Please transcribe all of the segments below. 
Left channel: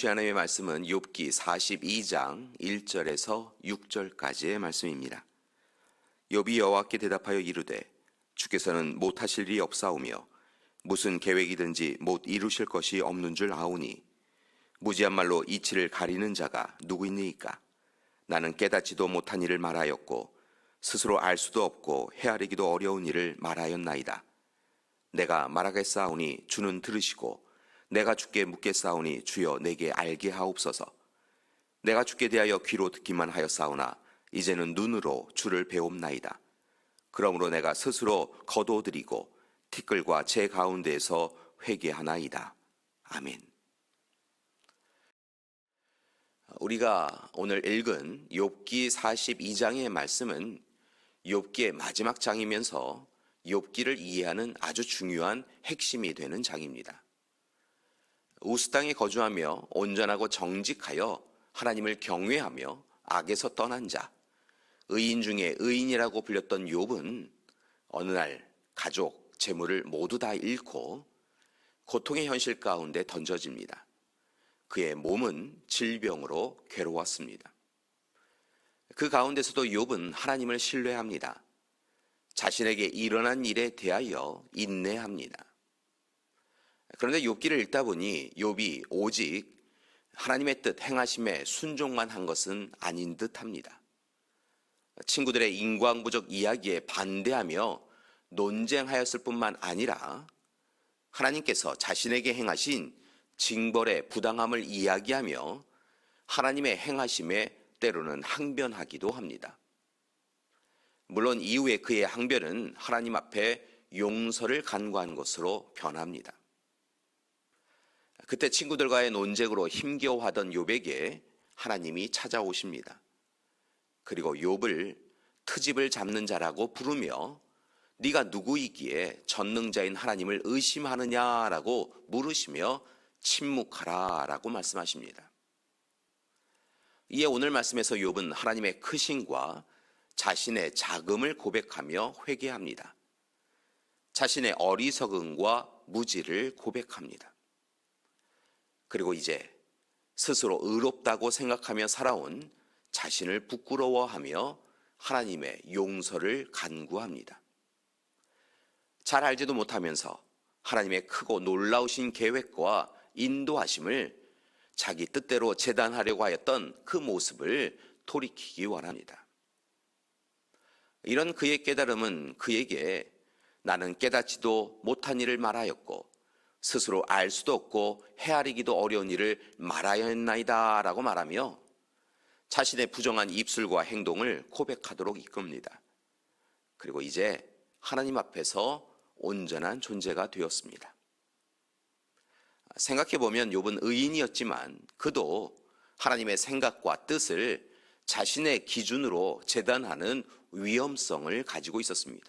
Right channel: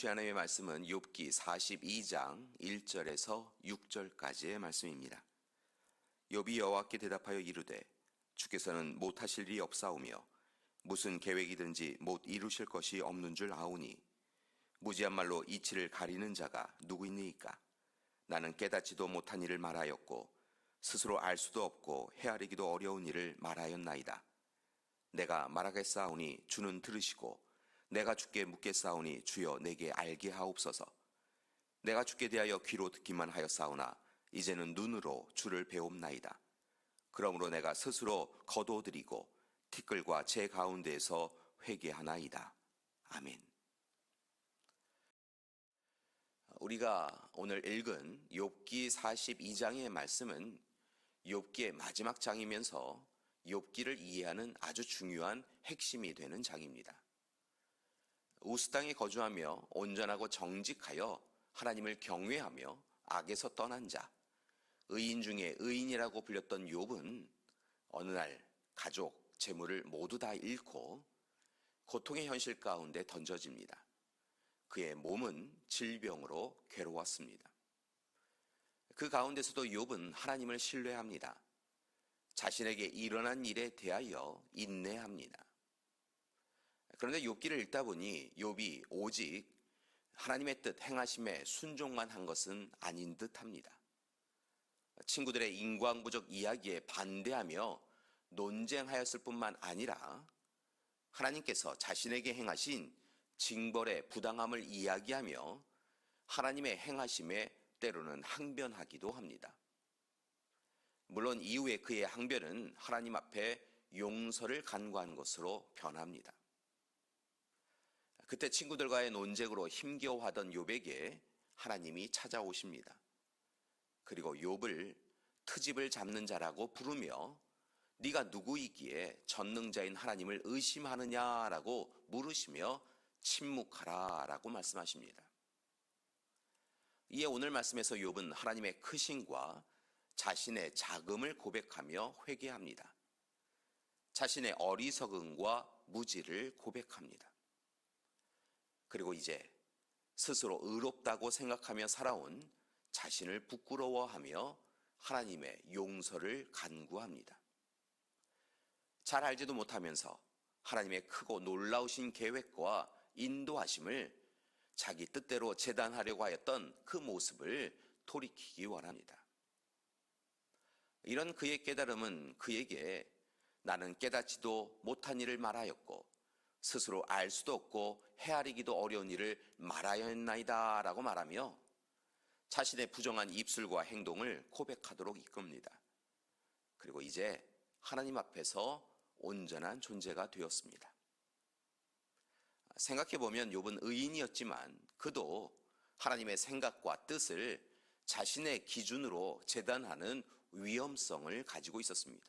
주신 하나님의 말씀은 욥기 42장 1절에서 6절까지의 말씀입니다. 욥이 여호와께 대답하여 이르되 주께서는 못하실 일이 없사오며 무슨 계획이든지 못 이루실 것이 없는 줄 아오니 무지한 말로 이치를 가리는 자가 누구이니이까. 나는 깨닫지도 못한 일을 말하였고 스스로 알 수도 없고 헤아리기도 어려운 일을 말하였나이다. 내가 말하겠사오니 주는 들으시고 내가 주께 묻겠사오니 주여 내게 알게 하옵소서. 내가 주께 대하여 귀로 듣기만 하였사오나 이제는 눈으로 주를 배옵나이다. 그러므로 내가 스스로 거두어드리고 티끌과 제 가운데에서 회개하나이다. 아멘. 우리가 오늘 읽은 욥기 42장의 말씀은 욥기의 마지막 장이면서 욥기를 이해하는 아주 중요한 핵심이 되는 장입니다. 우스 땅에 거주하며 온전하고 정직하여 하나님을 경외하며 악에서 떠난 자, 의인 중에 의인이라고 불렸던 욥은 어느 날 가족, 재물을 모두 다 잃고 고통의 현실 가운데 던져집니다. 그의 몸은 질병으로 괴로웠습니다. 그 가운데서도 욥은 하나님을 신뢰합니다. 자신에게 일어난 일에 대하여 인내합니다. 그런데 욥기를 읽다 보니 욥이 오직 하나님의 뜻 행하심에 순종만 한 것은 아닌 듯합니다. 친구들의 인과응보적 이야기에 반대하며 논쟁하였을 뿐만 아니라 하나님께서 자신에게 행하신 징벌의 부당함을 이야기하며 하나님의 행하심에 때로는 항변하기도 합니다. 물론 이후에 그의 항변은 하나님 앞에 용서를 간구한 것으로 변합니다. 그때 친구들과의 논쟁으로 힘겨워하던 욥에게 하나님이 찾아오십니다. 그리고 욥을 트집을 잡는 자라고 부르며 네가 누구이기에 전능자인 하나님을 의심하느냐라고 물으시며 침묵하라라고 말씀하십니다. 이에 오늘 말씀에서 욥은 하나님의 크심과 자신의 자금을 고백하며 회개합니다. 자신의 어리석음과 무지를 고백합니다. 그리고 이제 스스로 의롭다고 생각하며 살아온 자신을 부끄러워하며 하나님의 용서를 간구합니다. 잘 알지도 못하면서 하나님의 크고 놀라우신 계획과 인도하심을 자기 뜻대로 재단하려고 하였던 그 모습을 돌이키기 원합니다. 이런 그의 깨달음은 그에게 나는 깨닫지도 못한 일을 말하였고 스스로 알 수도 없고 헤아리기도 어려운 일을 말하였나이다 라고 말하며 자신의 부정한 입술과 행동을 고백하도록 이끕니다. 그리고 이제 하나님 앞에서 온전한 존재가 되었습니다. 생각해보면 욥은 의인이었지만 그도 하나님의 생각과 뜻을 자신의 기준으로 재단하는 위험성을 가지고 있었습니다.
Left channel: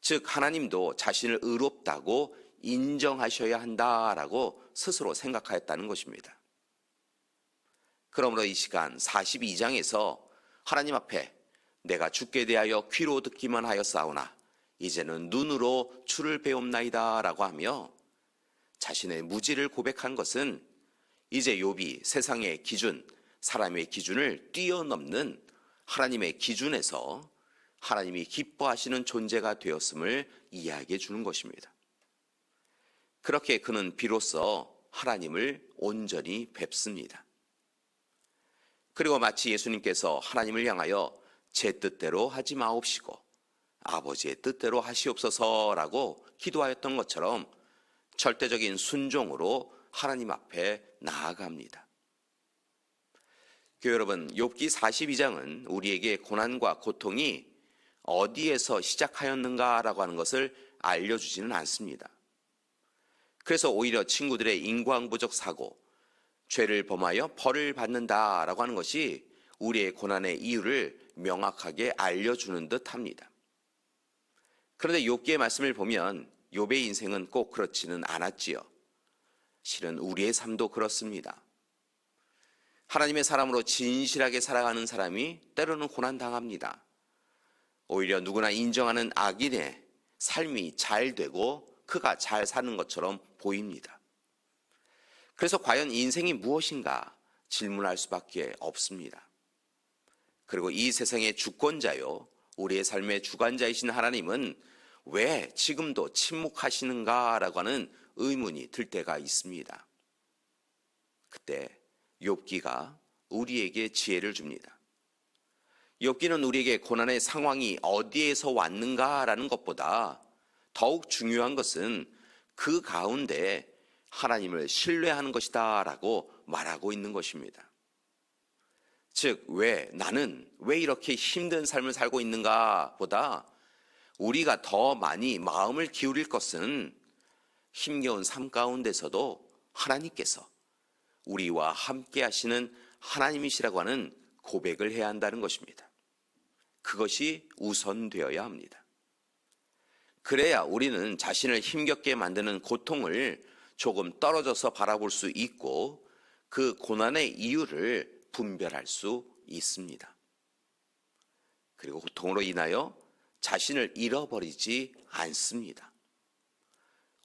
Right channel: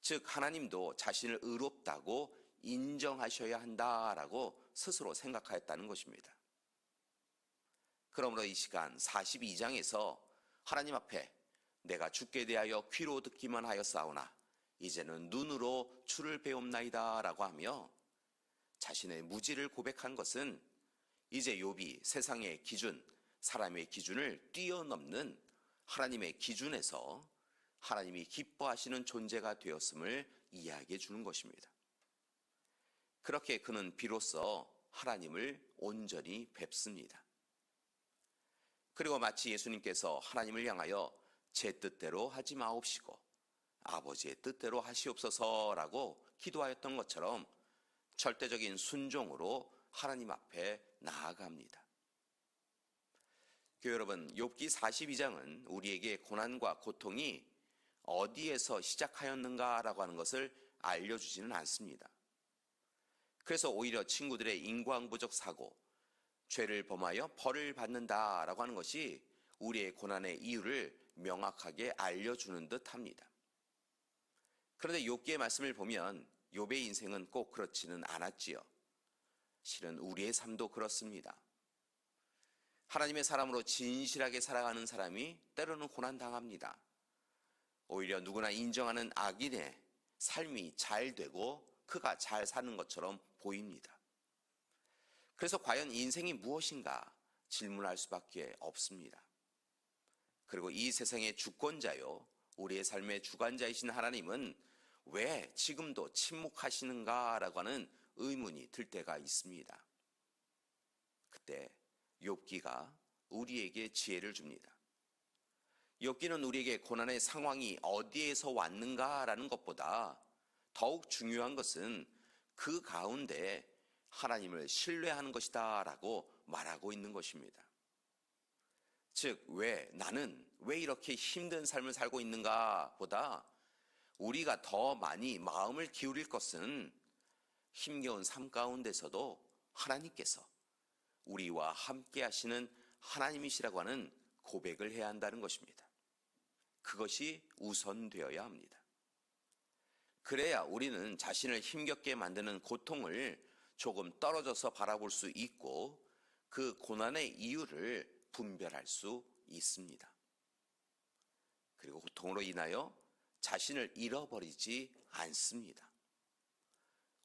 즉 하나님도 자신을 의롭다고 인정하셔야 한다라고 스스로 생각하였다는 것입니다. 그러므로 이 시간 42장에서 하나님 앞에 내가 주께 대하여 귀로 듣기만 하였사오나 이제는 눈으로 주를 배옵나이다 라고 하며 자신의 무지를 고백한 것은 이제 욥이 세상의 기준, 사람의 기준을 뛰어넘는 하나님의 기준에서 하나님이 기뻐하시는 존재가 되었음을 이야기해 주는 것입니다. 그렇게 그는 비로소 하나님을 온전히 뵙습니다. 그리고 마치 예수님께서 하나님을 향하여 제 뜻대로 하지 마옵시고 아버지의 뜻대로 하시옵소서라고 기도하였던 것처럼 절대적인 순종으로 하나님 앞에 나아갑니다. 교회 여러분, 욥기 42장은 우리에게 고난과 고통이 어디에서 시작하였는가라고 하는 것을 알려주지는 않습니다. 그래서 오히려 친구들의 인과응보적 사고, 죄를 범하여 벌을 받는다라고 하는 것이 우리의 고난의 이유를 명확하게 알려주는 듯합니다. 그런데 욥기의 말씀을 보면 욥의 인생은 꼭 그렇지는 않았지요. 실은 우리의 삶도 그렇습니다. 하나님의 사람으로 진실하게 살아가는 사람이 때로는 고난당합니다. 오히려 누구나 인정하는 악인의 삶이 잘 되고 그가 잘 사는 것처럼 보입니다. 그래서 과연 인생이 무엇인가 질문할 수밖에 없습니다. 그리고 이 세상의 주권자요, 우리의 삶의 주관자이신 하나님은 왜 지금도 침묵하시는가라고 하는 의문이 들 때가 있습니다. 그때 욥기가 우리에게 지혜를 줍니다. 욥기는 우리에게 고난의 상황이 어디에서 왔는가라는 것보다 더욱 중요한 것은 그 가운데 하나님을 신뢰하는 것이다 라고 말하고 있는 것입니다. 즉, 나는 왜 이렇게 힘든 삶을 살고 있는가 보다 우리가 더 많이 마음을 기울일 것은 힘겨운 삶 가운데서도 하나님께서 우리와 함께 하시는 하나님이시라고 하는 고백을 해야 한다는 것입니다. 그것이 우선되어야 합니다. 그래야 우리는 자신을 힘겹게 만드는 고통을 조금 떨어져서 바라볼 수 있고 그 고난의 이유를 분별할 수 있습니다. 그리고 고통으로 인하여 자신을 잃어버리지 않습니다.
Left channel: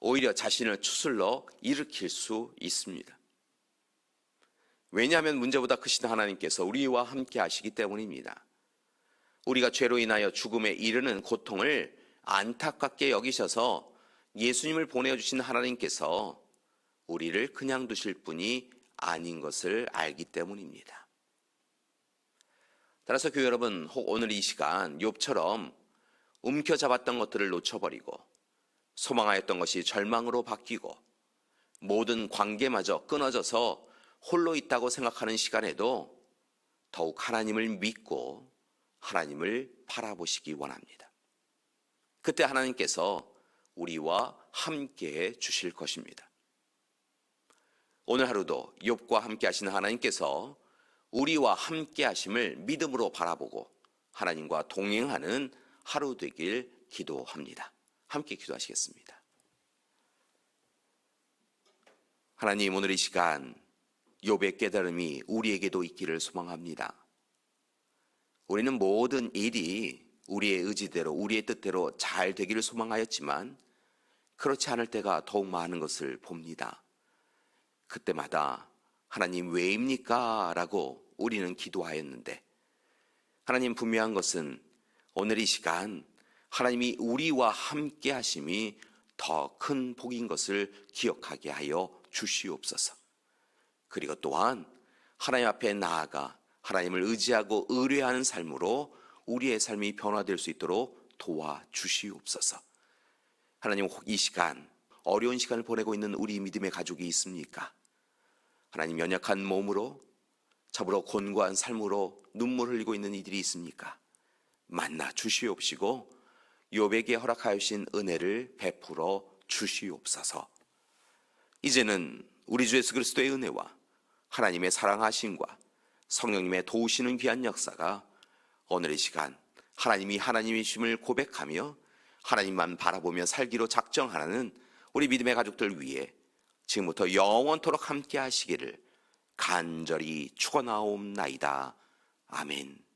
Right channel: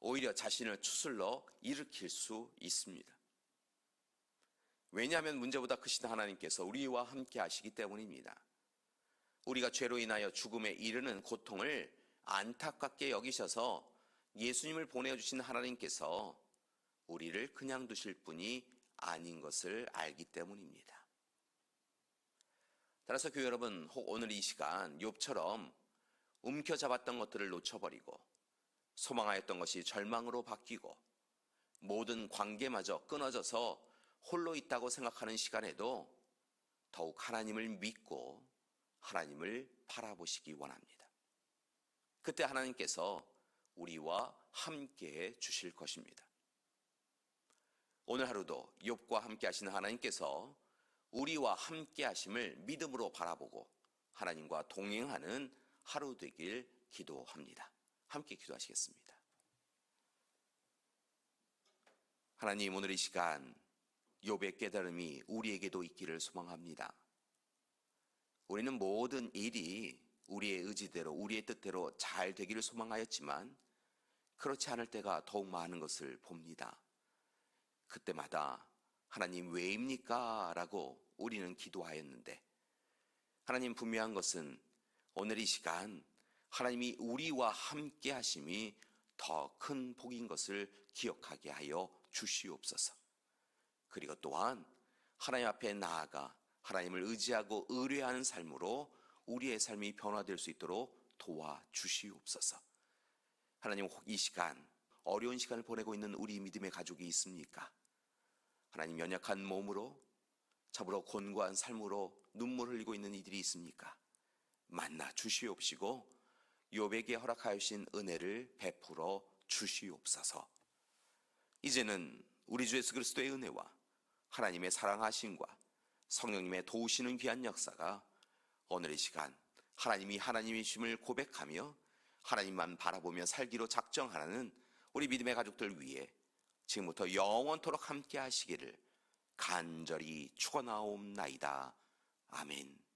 오히려 자신을 추슬러 일으킬 수 있습니다. 왜냐하면 문제보다 크신 하나님께서 우리와 함께 하시기 때문입니다. 우리가 죄로 인하여 죽음에 이르는 고통을 안타깝게 여기셔서 예수님을 보내주신 하나님께서 우리를 그냥 두실 분이 아닌 것을 알기 때문입니다. 따라서 교회 여러분, 혹 오늘 이 시간 욥처럼 움켜잡았던 것들을 놓쳐버리고 소망하였던 것이 절망으로 바뀌고 모든 관계마저 끊어져서 홀로 있다고 생각하는 시간에도 더욱 하나님을 믿고 하나님을 바라보시기 원합니다. 그때 하나님께서 우리와 함께해 주실 것입니다. 오늘 하루도 욥과 함께 하시는 하나님께서 우리와 함께 하심을 믿음으로 바라보고 하나님과 동행하는 하루 되길 기도합니다. 함께 기도하시겠습니다. 하나님, 오늘 이 시간 욥의 깨달음이 우리에게도 있기를 소망합니다. 우리는 모든 일이 우리의 의지대로, 우리의 뜻대로 잘 되기를 소망하였지만 그렇지 않을 때가 더욱 많은 것을 봅니다. 그때마다 하나님 왜입니까? 라고 우리는 기도하였는데 하나님, 분명한 것은 오늘 이 시간 하나님이 우리와 함께 하심이 더 큰 복인 것을 기억하게 하여 주시옵소서. 그리고 또한 하나님 앞에 나아가 하나님을 의지하고 의뢰하는 삶으로 우리의 삶이 변화될 수 있도록 도와주시옵소서. 하나님, 혹 이 시간 어려운 시간을 보내고 있는 우리 믿음의 가족이 있습니까? 하나님, 연약한 몸으로 잡으러 곤고한 삶으로 눈물 흘리고 있는 이들이 있습니까? 만나 주시옵시고 욥에게 허락하신 은혜를 베풀어 주시옵소서. 이제는 우리 주 예수 그리스도의 은혜와 하나님의 사랑하심과 성령님의 도우시는 귀한 역사가 오늘 이 시간 하나님이 하나님이심을 고백하며 하나님만 바라보며 살기로 작정하는 우리 믿음의 가족들 위해 지금부터 영원토록 함께 하시기를 간절히 축원하옵나이다. 아멘.